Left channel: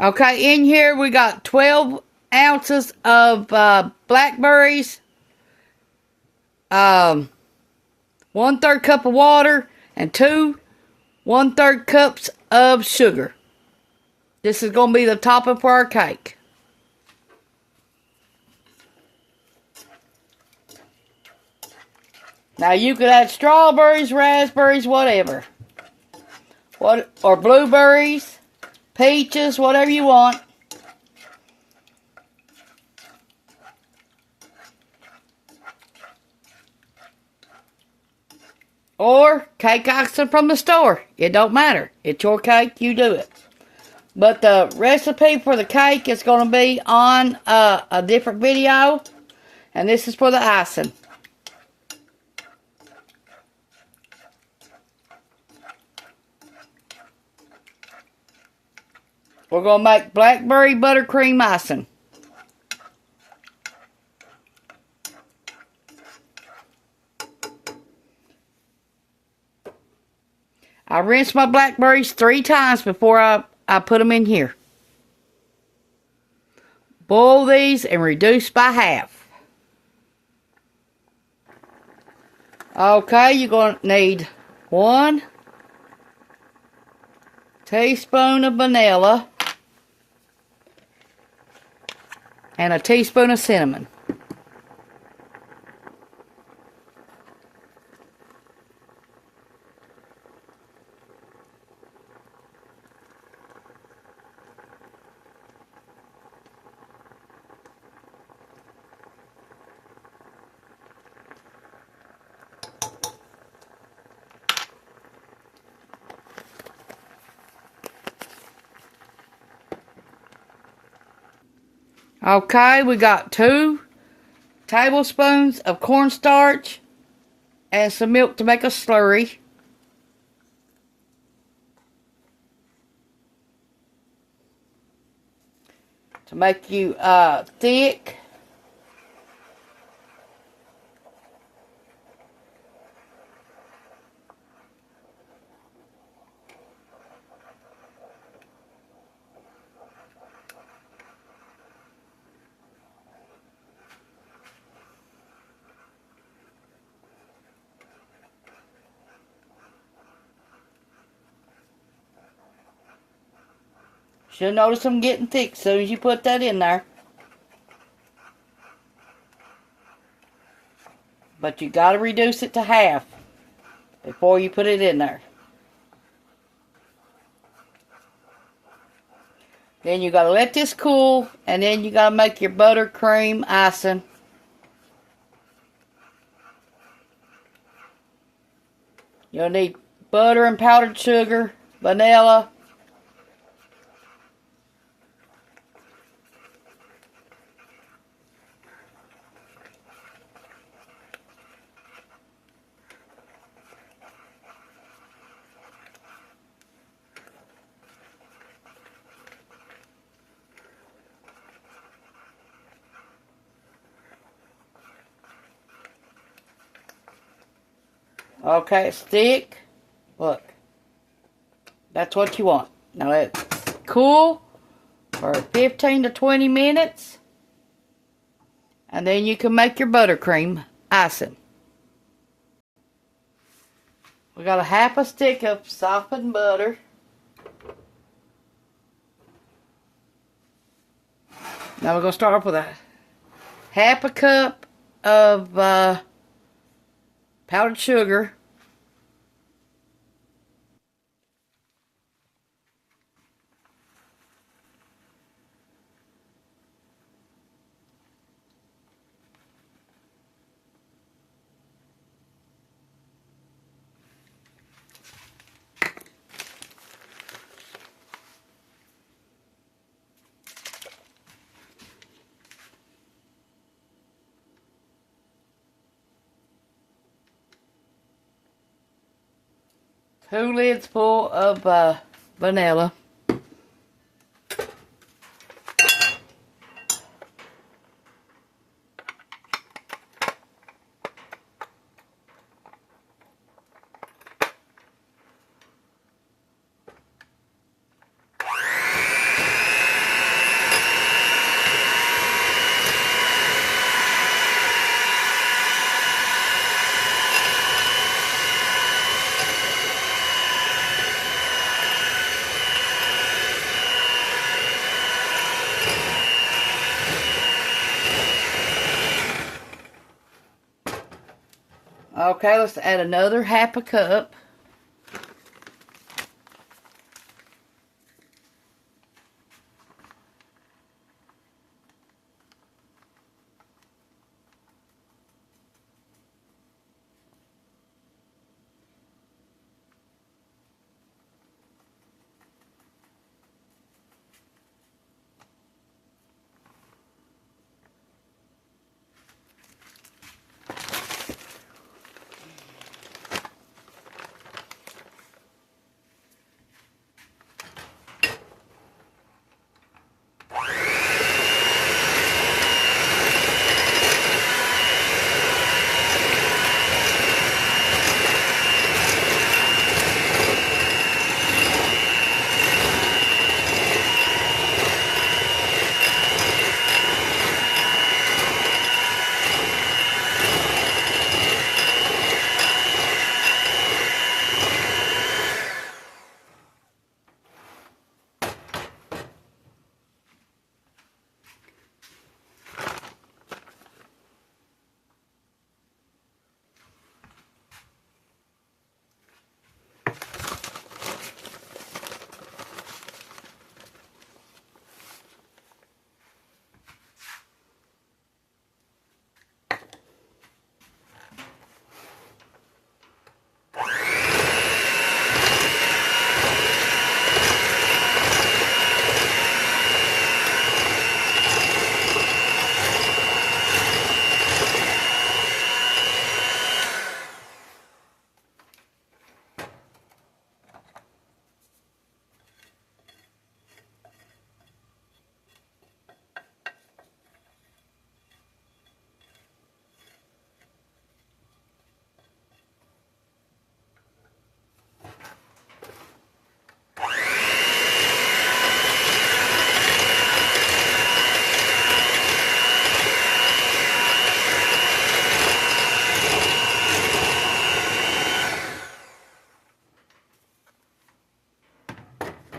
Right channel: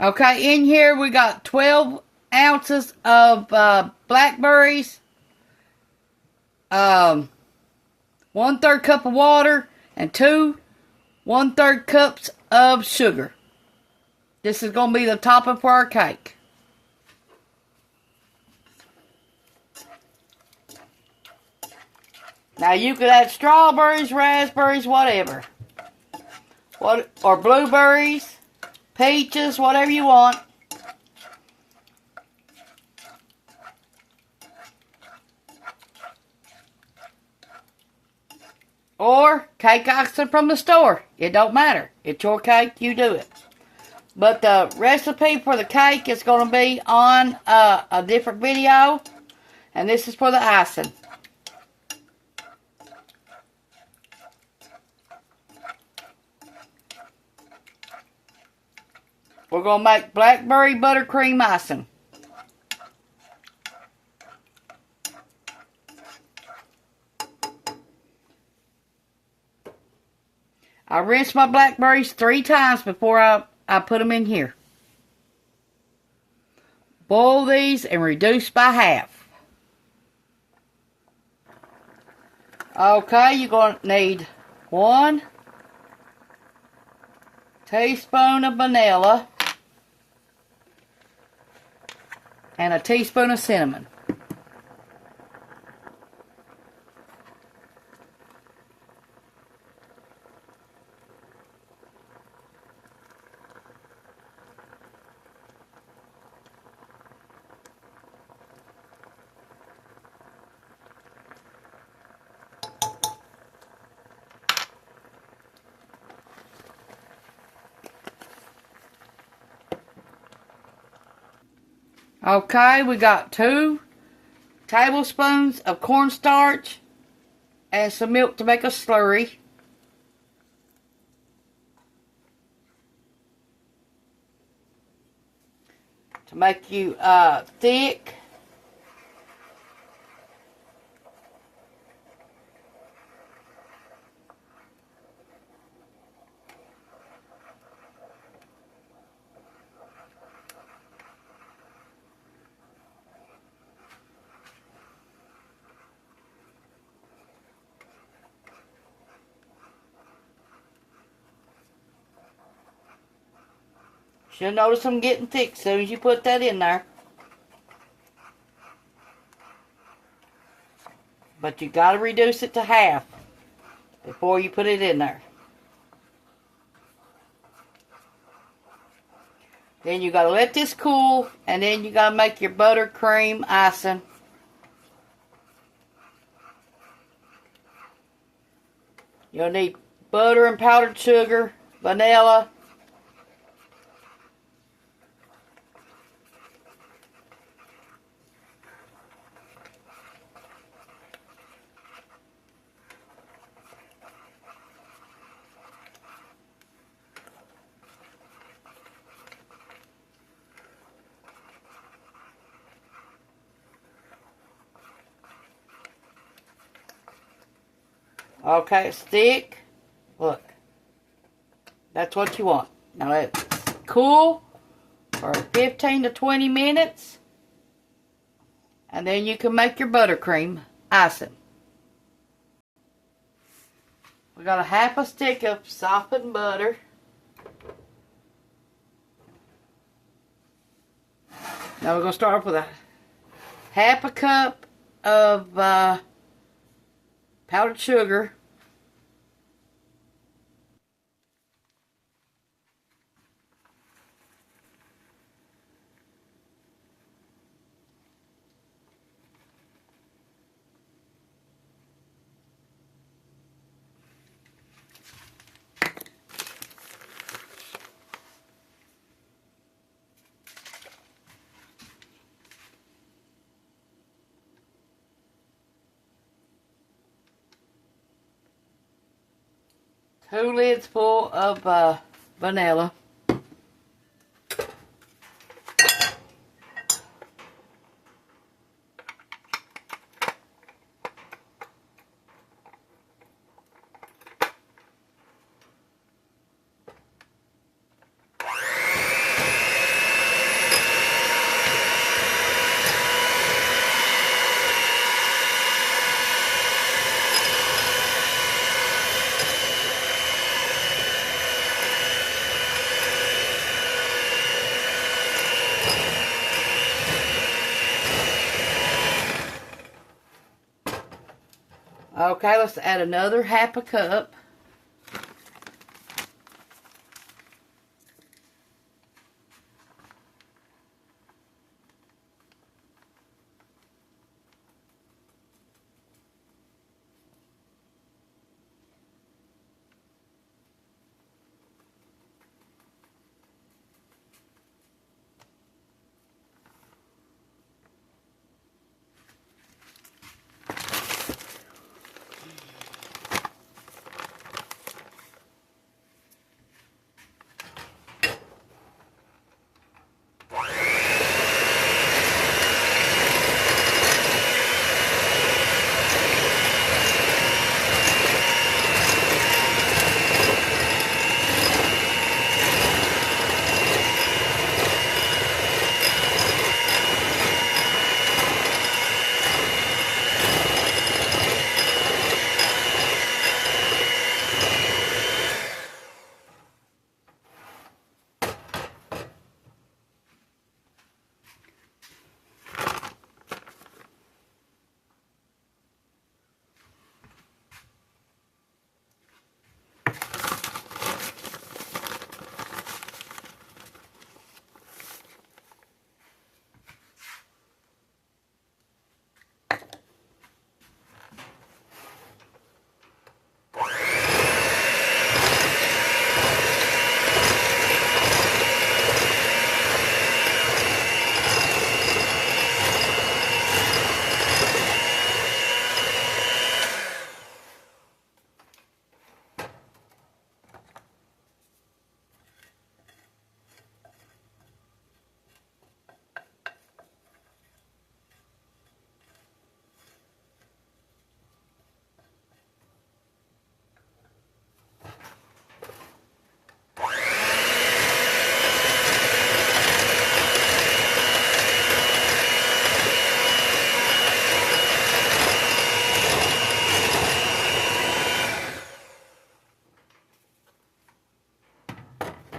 Okay, in here we got 12 ounces of blackberries, 1/3 cup of water, and 1/3 cups of sugar. This is going to be the topping for our cake. Now you could add strawberries, raspberries, whatever. Or blueberries, peaches, whatever you want. Or cake icing from the store. It don't matter. It's your cake, you do it. But the recipe for the cake is going to be on a different video. And this is for the icing. We're going to make blackberry buttercream icing. I rinsed my blackberries 3 times before I put them in here. Boil these and reduce by half. Okay, you're going to need 1 teaspoon of vanilla and a teaspoon of cinnamon. Okay, we got 2 tablespoons of cornstarch and some milk to make a slurry. To make you thick. You'll notice them getting thick as soon as you put that in there. But you got to reduce it to half before you put it in there. Then you got to let this cool, and then you got to make your buttercream icing. You'll need butter and powdered sugar, vanilla, okay, it's thick. Look. That's what you want. Now let it cool for 15 to 20 minutes. And then you can make your buttercream icing. We got a half a stick of softened butter. Now we're going to start off with a half a cup of powdered sugar. Two lids full of vanilla. Okay, let's add another half a cup.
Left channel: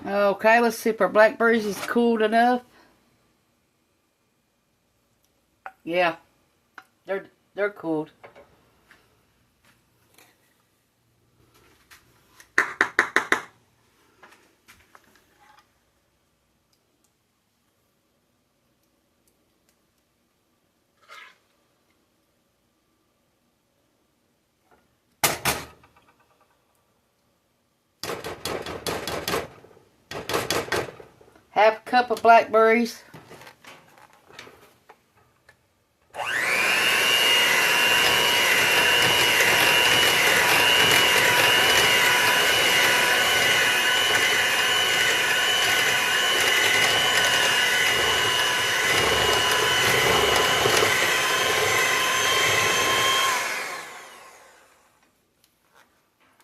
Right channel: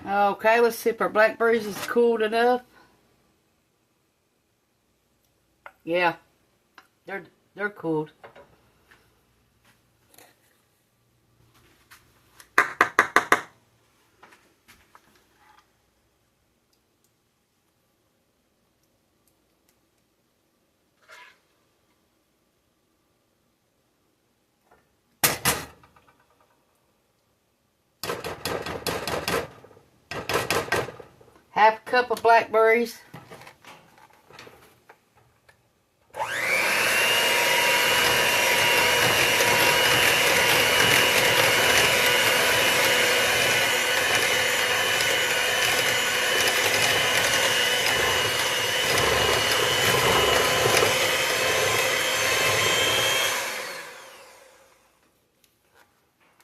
Okay, let's see if our blackberries is cooled enough. Yeah, they're cooled. Half a cup of blackberries.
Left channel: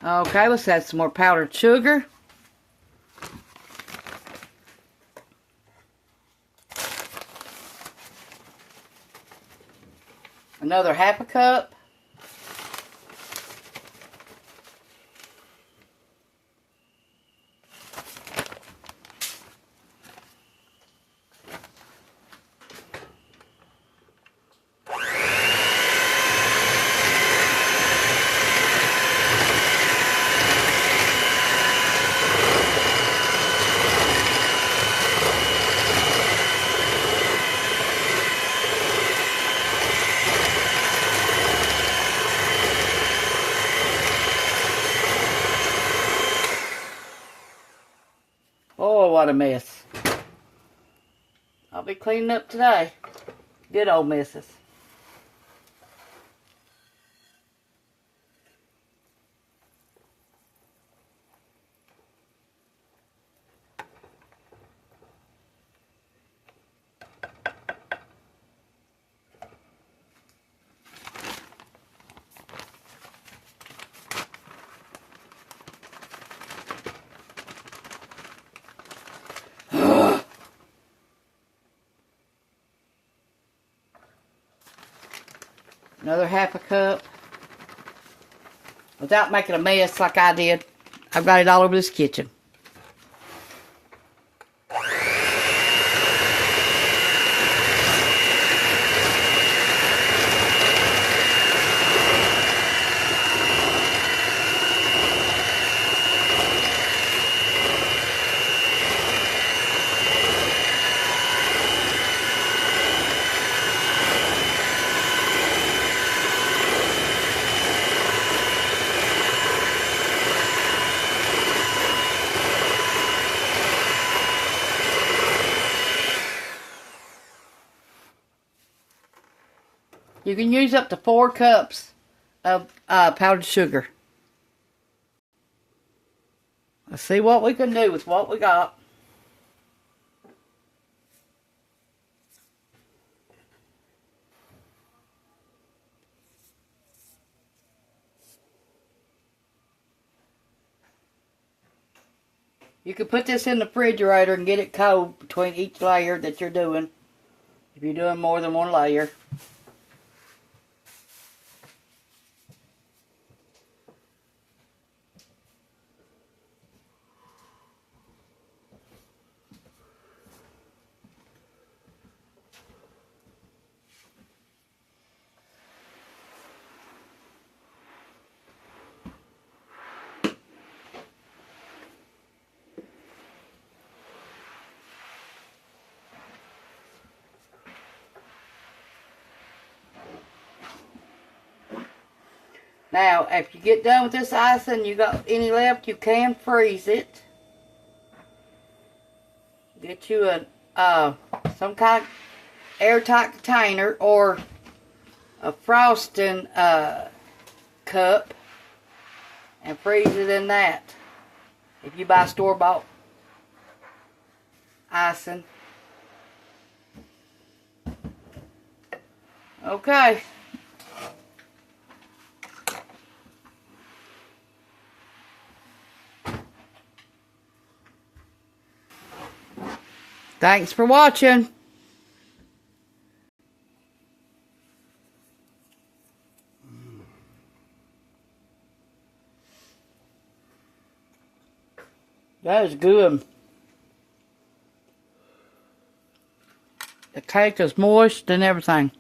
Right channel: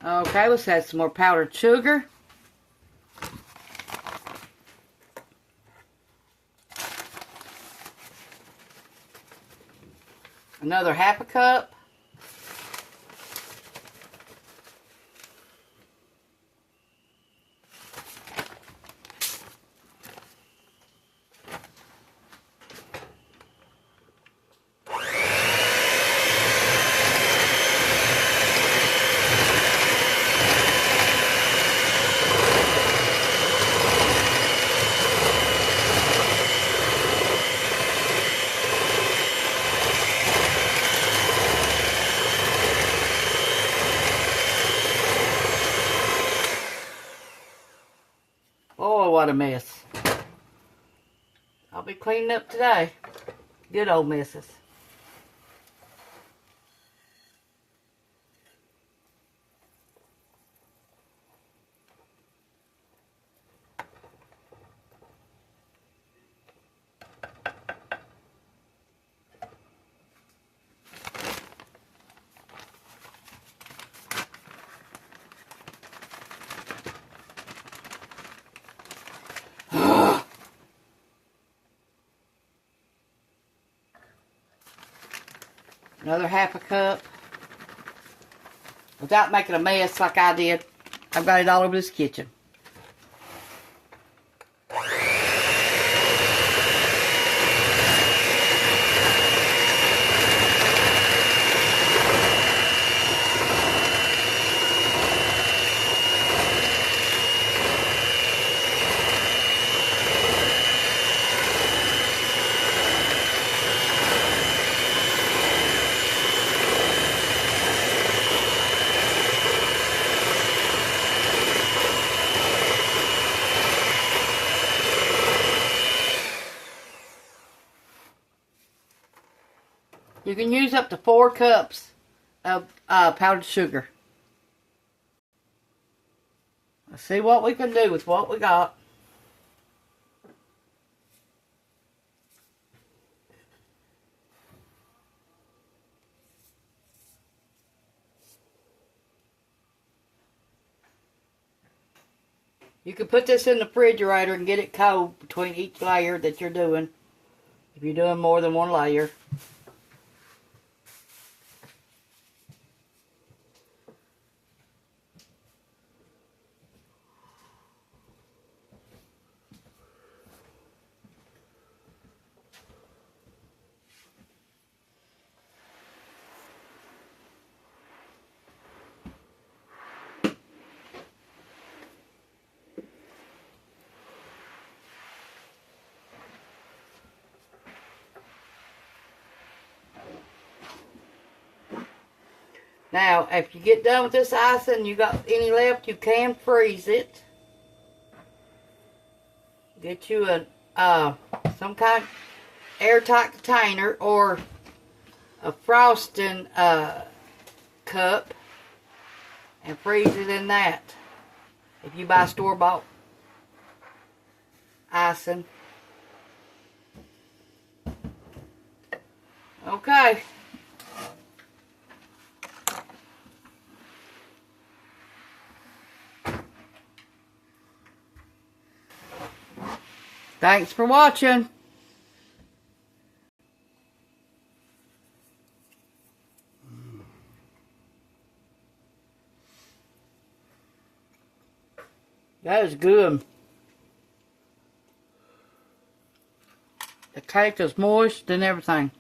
Okay, let's add some more powdered sugar. Another half a cup. Oh, what a mess. I'll be cleaning up today. Good old messes. Another half a cup. Without making a mess like I did. I've got it all over this kitchen. You can use up to 4 cups of powdered sugar. Let's see what we can do with what we got. You can put this in the refrigerator and get it cold between each layer that you're doing, if you're doing more than one layer. Now, if you get done with this icing, you got any left, you can freeze it. Get you a some kind of airtight container or a frosting cup and freeze it in that. If you buy store-bought icing. Okay. Thanks for watching. That is good. The cake is moist and everything.